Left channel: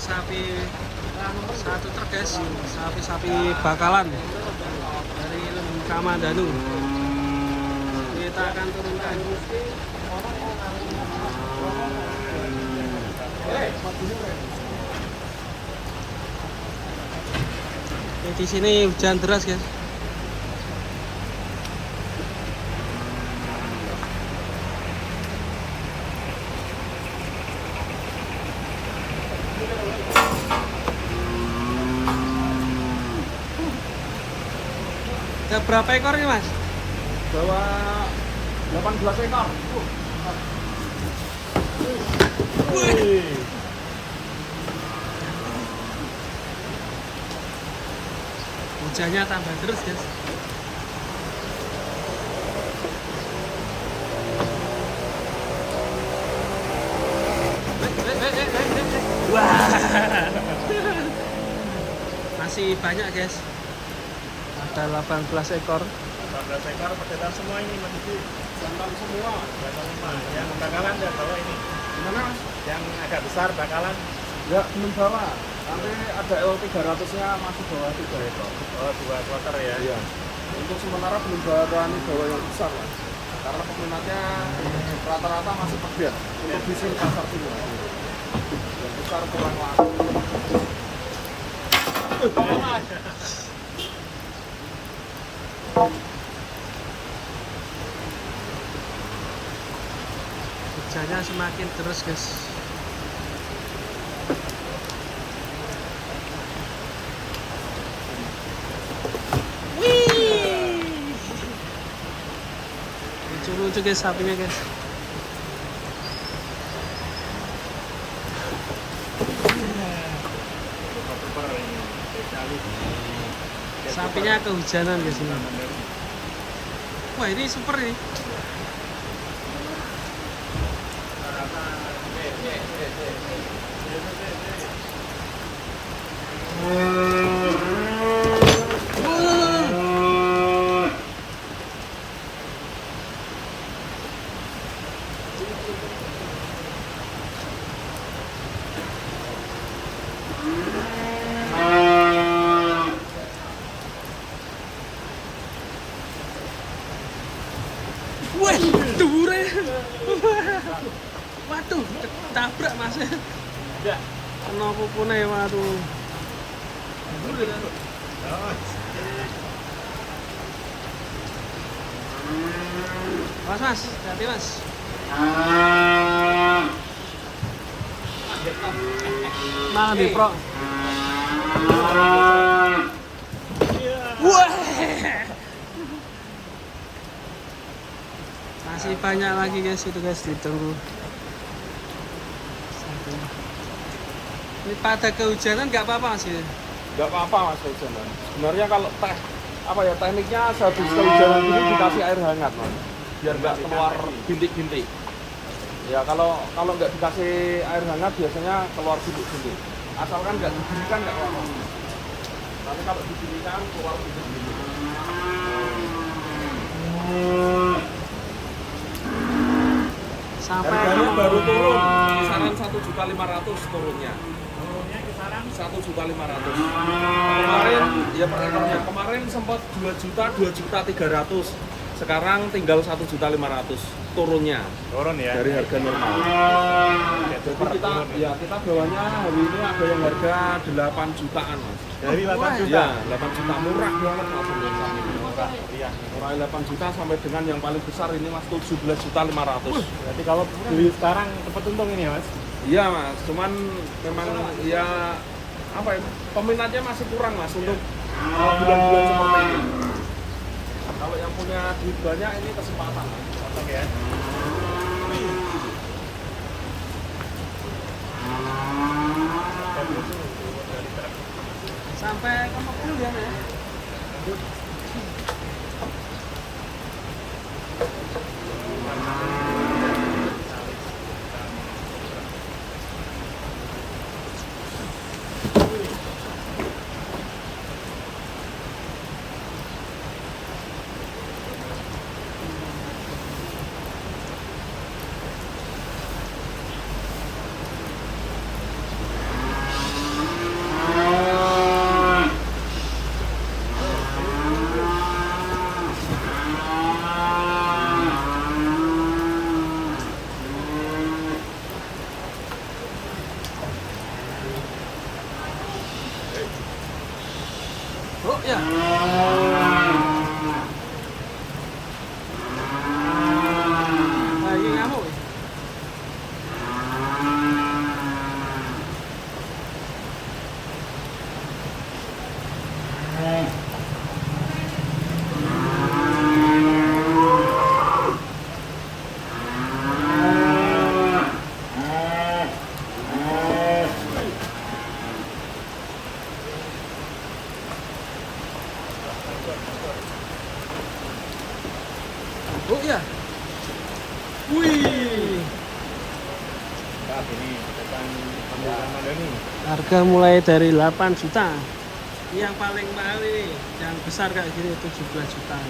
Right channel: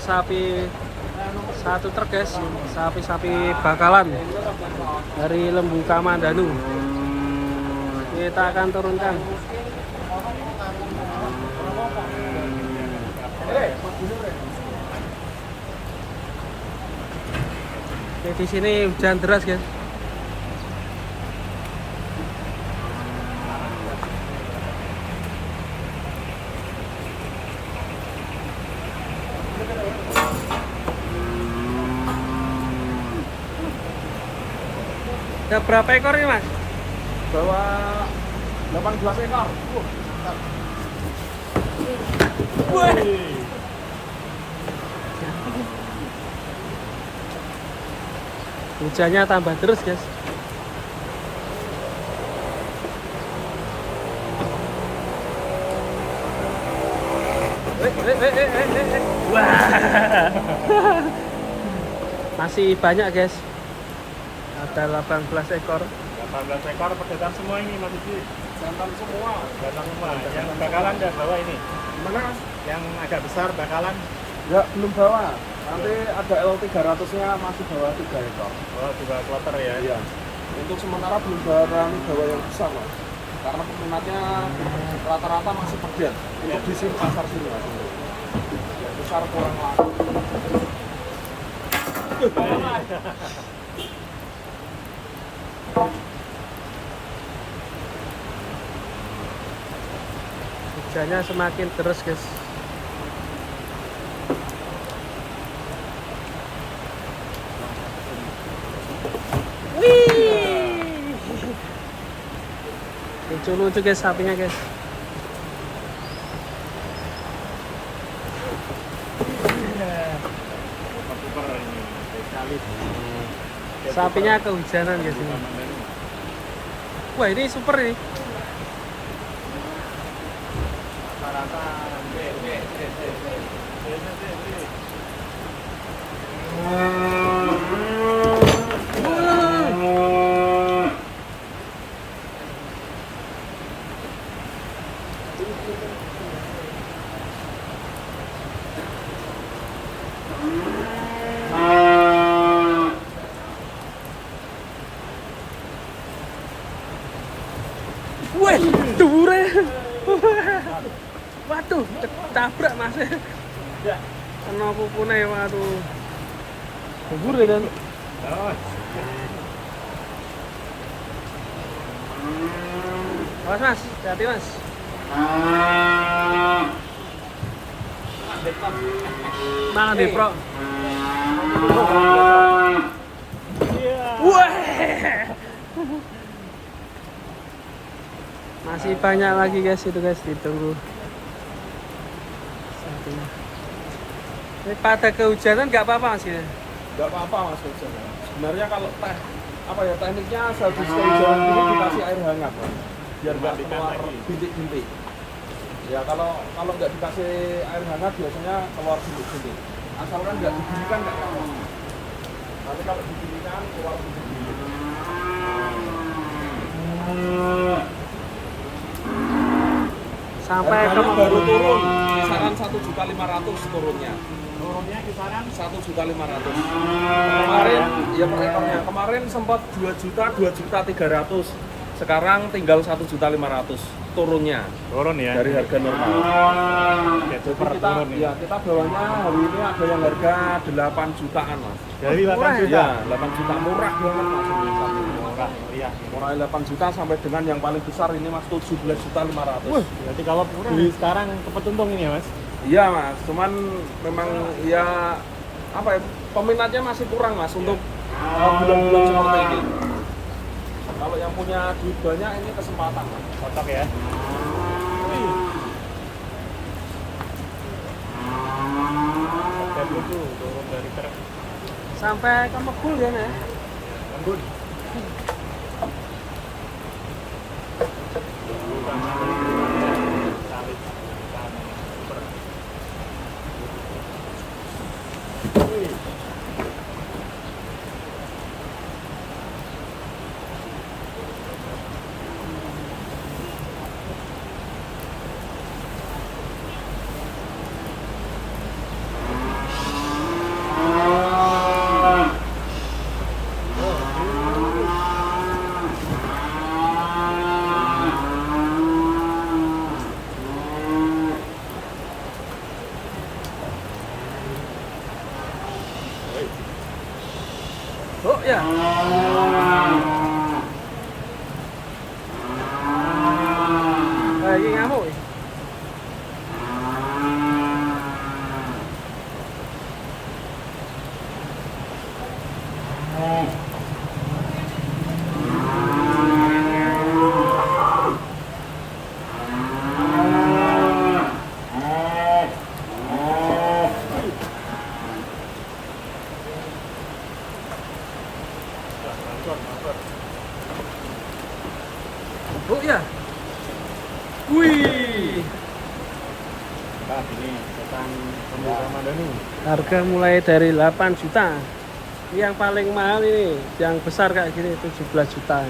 sapi satu truk guys, sapi-sapi bakalan dari Lembu Kamandanu. Kita akan turunkan. Oke, di sini hujan deras guys. Ada berapa ekor ini mas? Bawa 18 ekor. Wih. Hujannya tambah terus guys. Wah. Masih banyak guys. Ada 18 ekor. 18 ekor pedagang semua ini Mas itu. Jantan semua. Yang bakalan ya bawa ini. Gimana Mas? Yang agak besar bakalan. Ya belum bawa. Nanti ada L300-nya masih bawa 3 ekor. Oh, 3 ekor ya. Iya. Untuk sementara belum bawa yang besar. Karena peminatnya rata-rata masih bagian. Untuk di sini pasar sini. Ya, besar kurang. Hujannya semakin terus guys. Wih, lucu-lucu guys sapinya guys. Sapinya kehujanan guys ini. Wah ini super ini. Wah, dure. Waduh, tabrak mas. Ya. Kena pupune, waduh. Dure kan. Awas mas, hati mas. Mana di pro? Wah. Masih banyak lagi guys itu guys, ditunggu. Satunya. Ini pada kehujanan nggak apa-apa mas ya? Nggak apa-apa Mas hujan. Sebenarnya kalau tekniknya sehabis kehujanan ini dikasih air hangat Mas, biar nggak keluar bintik-bintik. Ya kalau nggak dikasih air hangat biasanya keluar bintik-bintik. Asalkan nggak didirikan nggak apa-apa. Tapi kalau didirikan keluar bintik-bintik. Sampai ke baru turun kisaran 1.500.000 turunnya. 1.500.000. Kemarin ya per ekornya kemarin sempat 2.300.000. Sekarang tinggal 1.500.000 turunnya. Turun ya. Dari harga normal. Jadi kita bawahnya hari ini ada yang harga 8 jutaan Mas. murah ya? Ya, 8 juta murah banget Mas ini sapi. Mulai 8 juta sampai dengan yang paling besar ini Mas 17.500.000. Jadi kalau beli sekarang cepet untung ini ya Mas? Iya Mas, cuman memang ya apa ya, peminatnya masih kurang Mas untuk bulan-bulan seperti ini. Kalau yang punya duit banyak ini kesempatan. Mantap ya. Sampai ke Mekul ya nih. Oh ya. Ini ngamuk. Oh ya. Wih. Nah, ini datang tamu Ramadan ini. Harga mulai dari 8 juta. Yang paling mahal ini, yang besar kayak gini 17 juta.